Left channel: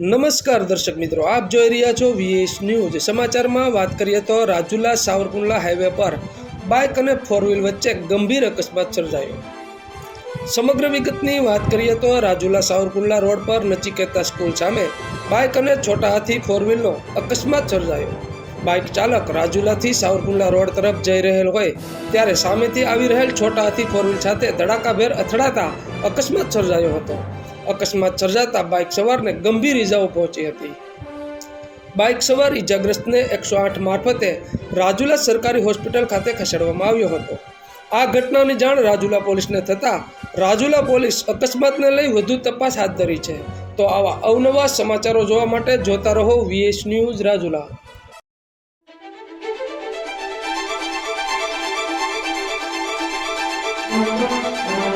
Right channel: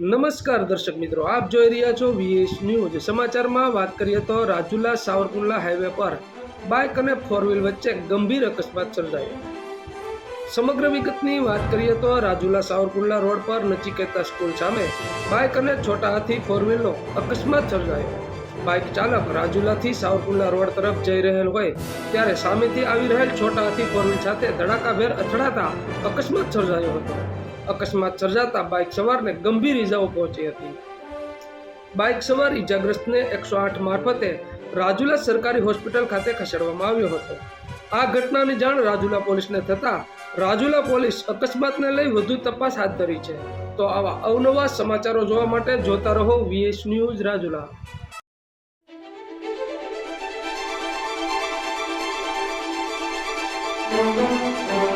નમસ્કાર દર્શક મિત્રો, આપ જોઈ રહ્યા છો વીએસ ન્યૂઝ સમાચારમાં વાત કરીએ તો રાજુલા સાવરકુંડલા હાઈવે પર બાઇક અને ફોર વ્હીલ વચ્ચે ગંભીર અકસ્માત સર્જાયો. સમગ્ર વિગતની વાત કરીએ તો રાજુલા સાવરકુંડલા રોડ પર નચિકેતા સ્કૂલ સામે બાઇક અને છોટા હાથી ફોર વ્હીલનો અકસ્માત સર્જાયો. બાઇક ચાલક રાજુલાથી સાવરકુંડલા રોડ તરફ જઈ રહેલ હોય ત્યારે સામેથી આવી રહેલ છોટા હાથી ફોર વ્હીલ સાથે ધડાકાભેર અથડાતા અકસ્માત સર્જાયો હતો. અકસ્માત સર્જાતા બાઇક સવારને ગંભીર ઇજાઓ પહોંચી હતી. બાઇક સવાર ઇજાગ્રસ્તને એકસો આઠ મારફતે રાજુલા સરકારી હોસ્પિટલ ખાતે ખસેડવામાં આવ્યો હતો. આ ઘટનાની જાણ રાજુલા પોલીસને થતાં રાજુલા પોલીસ અકસ્માતને લઈ વધુ તપાસ હાથ ધરી છે. તો આવા અવનવા સમાચારો જોવા માટે જોતા રહો વીએસ ન્યૂઝ રાજુલા. Thank